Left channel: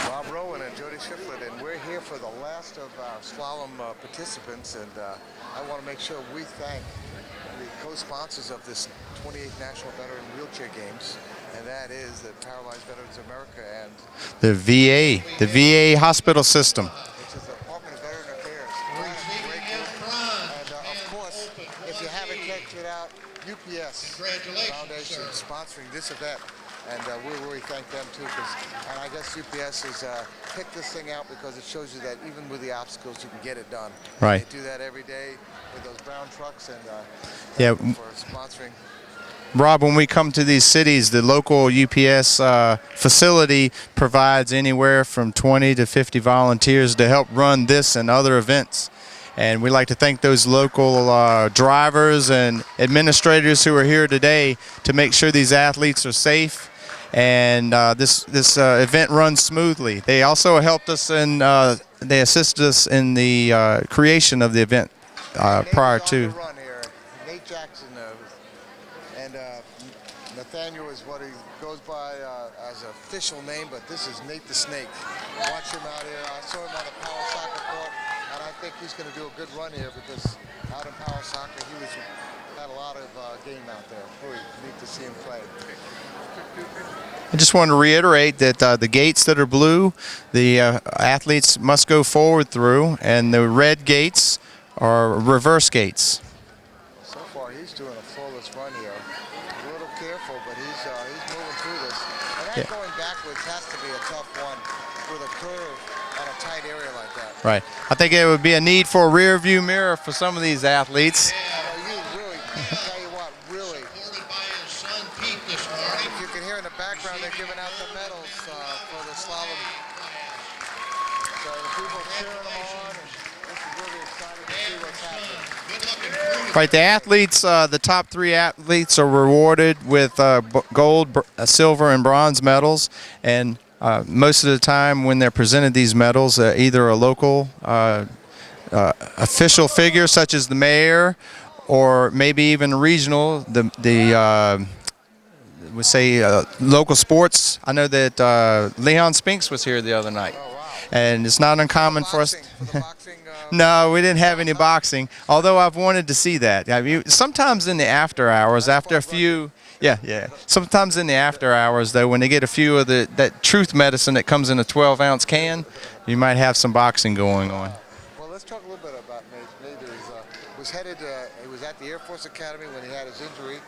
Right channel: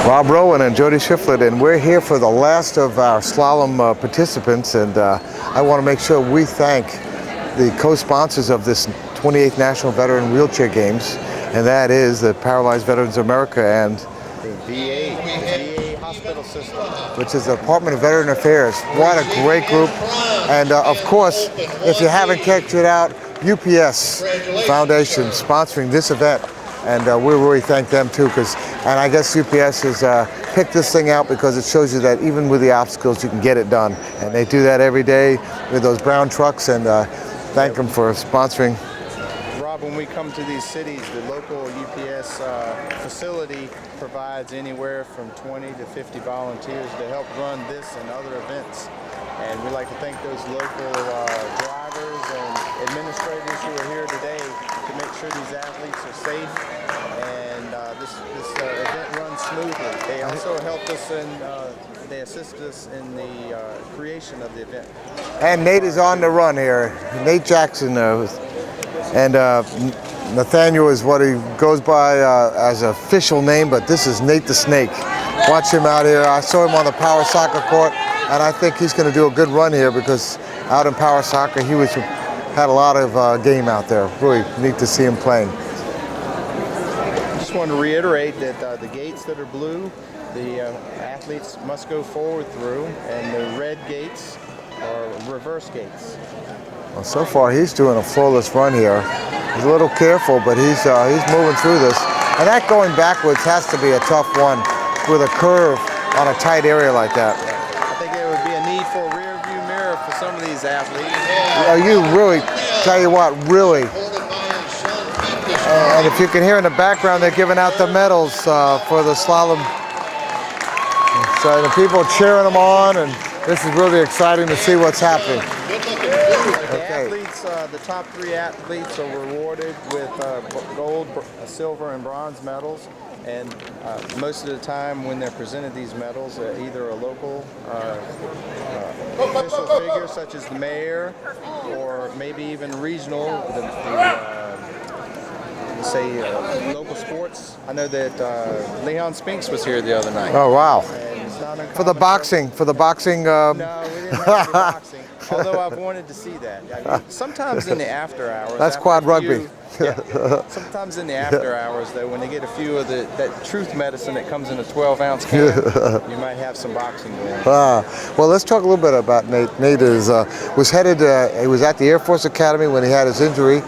Rob Rowan and Jody Shiflett, and we're here for the last of our slalom participants, and I want to make sure we thank the co-sponsors of this 28th National Veteran Wheelchair Games, and that is the Paralyzed Veterans of America and the VA hospital system, which is the Department of Veteran Affairs. What a great group. And of course, if you haven't checked it out, UPS Foundation sponsoring this event. And we really thank them too, and I guess UPS has picked this thing out because it shows you that even with the obstacles, you can get it done. Right. And they do that every day with those brown trucks, and thank them for sponsoring. Rob, when we come to these cities, the local UPS facility provides anywhere from 20 to 50 volunteers to help run this and other events. And we'd like to thank those local drivers and administrators who are here today to make sure these athletes are safe and this event runs smoothly. They also helped us and they assisted us in the creation of the event. And Nate is on the run here. Nate Jackson. And Nathaniel is what he goes by as an official name, but this is Nate the Snake. Watch him out here. I saw him on the power soccer court, and I think he's going to do a good run here because out in power soccer, he had a lot of game out there. Really neat to see him playing. I just want to reiterate that the gates that are blue, the athletes must go forward through, and the red gates are reverse gates. Well, so far he's doing a flawless run here. He's a little careful, but he's moving through this. And that going backwards has to be a tough one with a curve on a tight area like that. Right. I think it would be a need for a rear view mirror for some of these athletes. Are you really, tell you what, really. And if you can hear in the background, they're giving out the medals for the slalom. So the people are cheering them on, and this is really exciting to see what's happening. Right, the athletes, the top three athletes are rewarded with gold, silver, and bronze medals. And most of the time when they're presented these medals, either a local official figure such as the mayor, or maybe even regional, let's say local sports. I know that Leon Spinks was here the other night. Oh, wow. And it's not uncommon for the boxing. No, we didn't have any boxing, although I've wanted to see that. Sometimes in the after hours, That's after a few, rugby. yeah. Sometimes in the after hours, though, when they get a few of that truth medicine that comes in a 12-ounce can, you might have some boxing going. Well, let's talk a little bit about Nate. Nate he was at the Air Force Academy when he had his injury.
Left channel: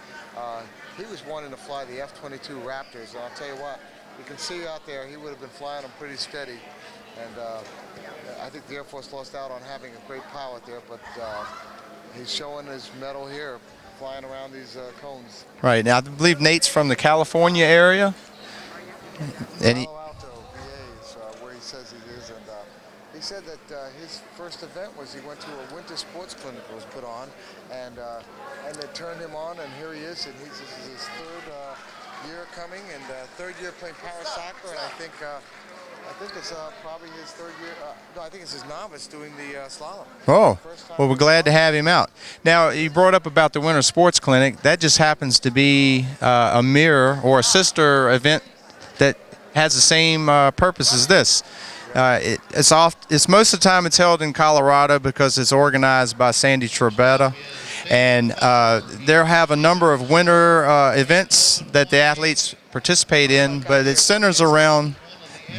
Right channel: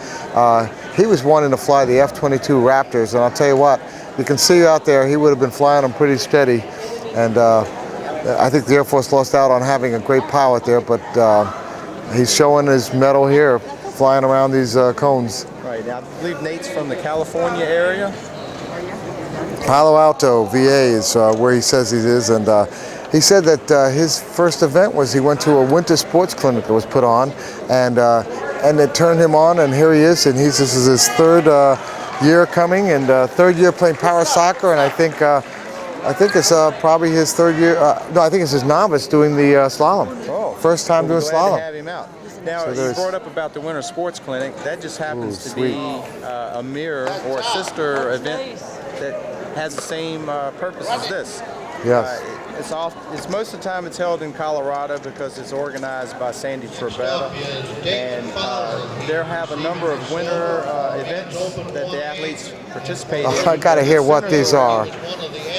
He was wanting to fly the F-22 Raptors, and I'll tell you what, you can see out there, he would have been flying them pretty steady. And I think the Air Force lost out on having a great pilot there, but he's showing his medal here, flying around these cones. Right, now I believe Nate's from the California area. Palo Alto, VA is where he says he is, and he said that his first event was he went to a winter sports clinic that was put on, and it turned him on, and here he is, and this is his third year coming, and third year playing power soccer, and I think it's probably his third year. No, I think it's his novice doing the slalom. Oh, first time. Well, we're doing glad slalom. to have him out. Now, you brought up about the Winter Sports Clinic. That just happens to be a mirror or a sister event that has the same purpose as this. Yeah. It's most of the time it's held in Colorado because it's organized by Sandy Trebetta, and they'll have a number of winter events that the athletes participate in, but it centers around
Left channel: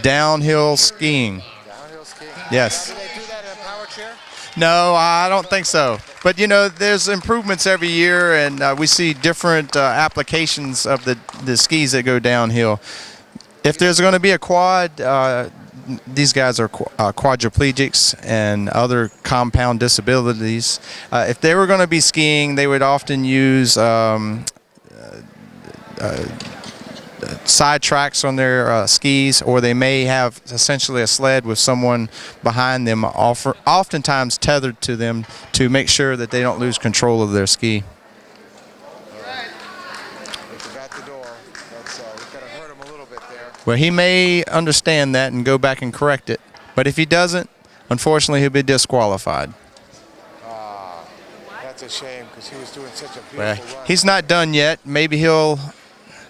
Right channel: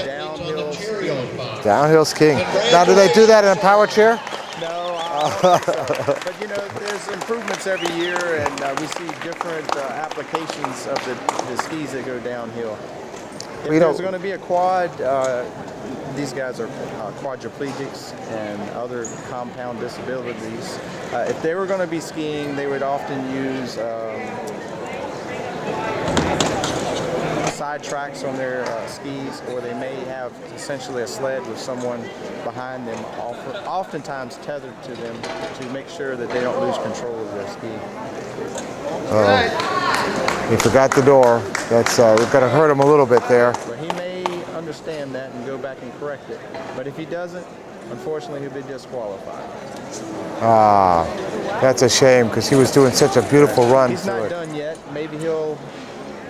downhill skiing. Downhill skiing. Yes. Now, do they do that in a power chair? No, I don't think so. But you know, there's improvements every year, and we see different applications of the skis that go downhill. If there's going to be a quad, these guys are quadriplegics and other compound disabilities. If they were going to be skiing, they would often use side tracks on their skis, or they may have essentially a sled with someone behind them, oftentimes tethered to them to make sure that they don't lose control of their ski. He forgot the door. That's going to hurt him a little bit there. Well, he may understand that and go back and correct it, but if he doesn't, unfortunately, he'll be disqualified. That's a shame because he was doing such a beautiful run. He's not done yet. Maybe he'll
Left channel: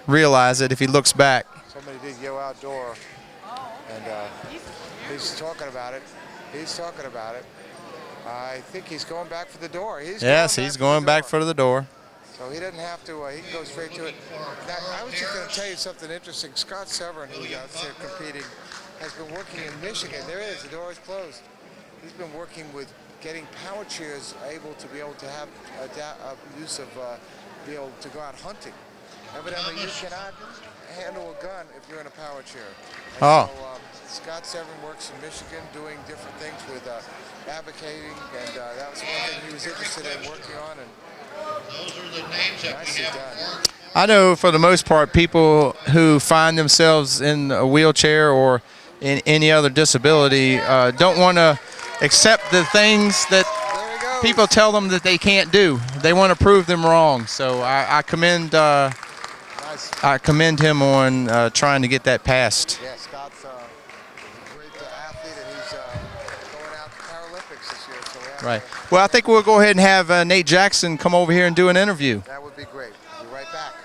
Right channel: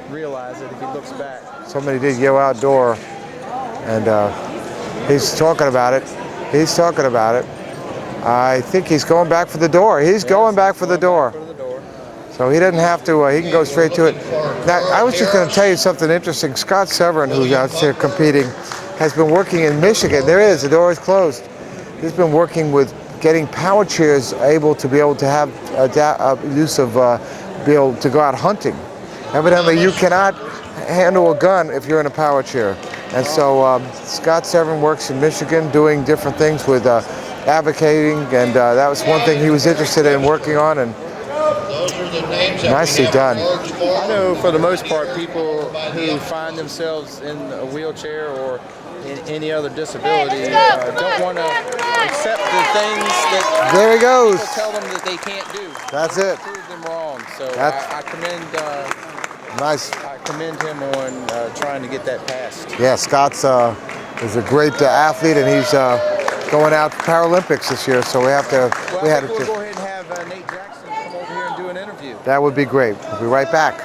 realize it if he looks back. Somebody did yell outdoor. and he's talking about it. He's talking about it. I think he's going back for the door. He's going back for the door. Back for the door. So he doesn't have to, he can go straight to it. Now, I was just going to tell you something interesting. Scott Severin, who's out there competing, has been working in Michigan. There it is, the door is closed. He's been working with getting power chairs able to have use of, be able to go out hunting. Evidently, you cannot handle a gun if you're in a power chair. And so Scott Severin works in Michigan doing different things with advocating, and that was one thing he was interested in working on, and nicely done. I know for the most part, people who find themselves in a wheelchair or in any other disability don't want to accept the things that people tell them that they can't do. They want to prove them wrong. So I commend I commend him on trying to get that passed. Yeah, Scott's is a great athlete, and he's going out to Paralympics this year, so we have to... Well, I think we'll go ahead and have Nate Jackson come over here and do an interview. That would be great. We'll be right back.